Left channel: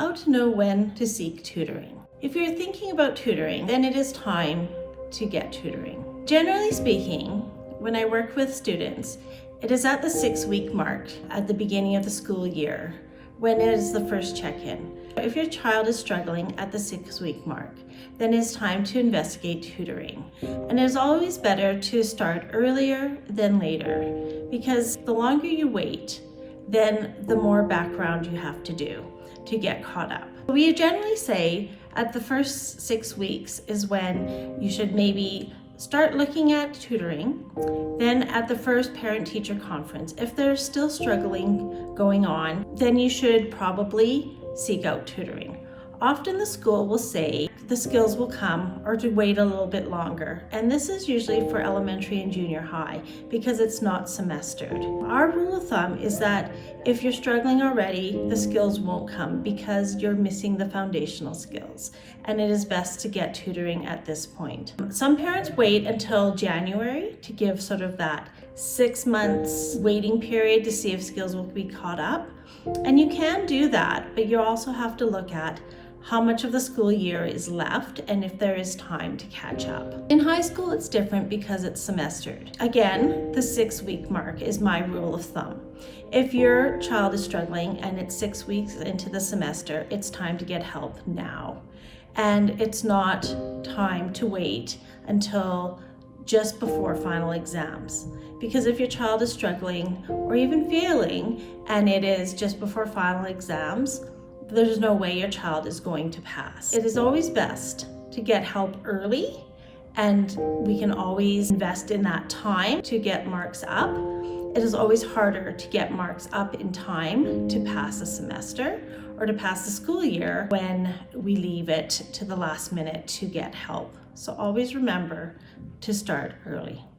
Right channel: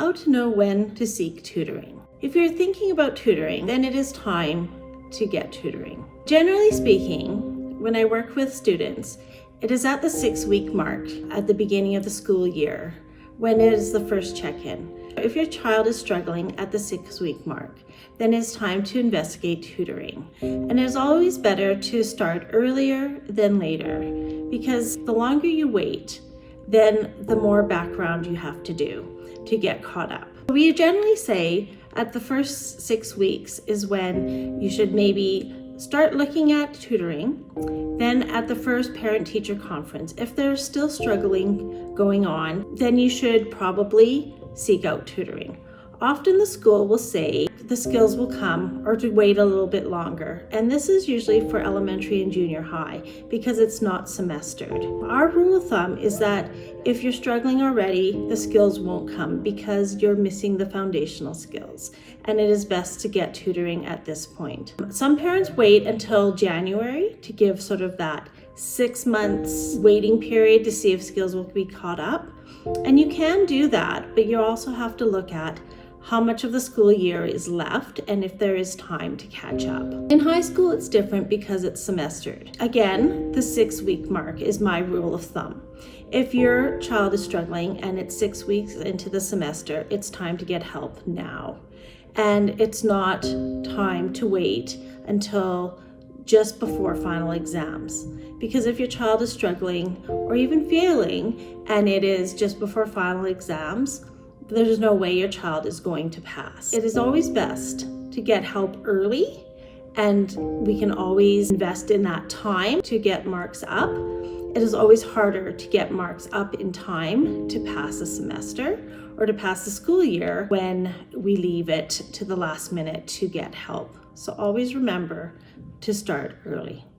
How to know when to seek tutoring. If you're thinking about tutoring, then it is time to get tutoring. Generally speaking, when I work with students, it is at the 6-week mark at the beginning of the school year when it is the first check-in. If your child is struggling at the 6-week mark, then it's time to investigate tutoring. And it is always better to start earlier than later, because the longer you wait, then the more background you have to do to get caught up. We generally say at the first 6 weeks is when you should maybe start looking at tutoring. Then at the first parent-teacher conference, if they're still struggling going on, then you should probably seek out tutoring. Often the school will say the skills will come, or to wait a little bit longer. And this is usually for elementary and junior high because it's not semestered. Our rule of thumb is that if you're struggling already, the skills won't come because you're missing the foundational skills. And it is best to get tutoring at this point. Some parents wait until January to give sort of that 6 months waiting period to see if skills will be caught up. And you can do that, but you also have to look at how much of the school year is left and if there is time to catch up. In high school, it's different because it's semestered. Again, the 6-week mark is my rule of thumb. If your child is struggling and it's 6 weeks into the semester, it's time to get help now. And it's not time to wait until just before final exams. Because if your child is struggling or even failing and it is just before final exams, there's no way your child is going to pass. It is always best to get help early, and we can always invest in that time to get marks up. It is always harder to get marks up in time to pass a semester or to pass the school year when we leave it to the last minute to get help. So always remember to start early.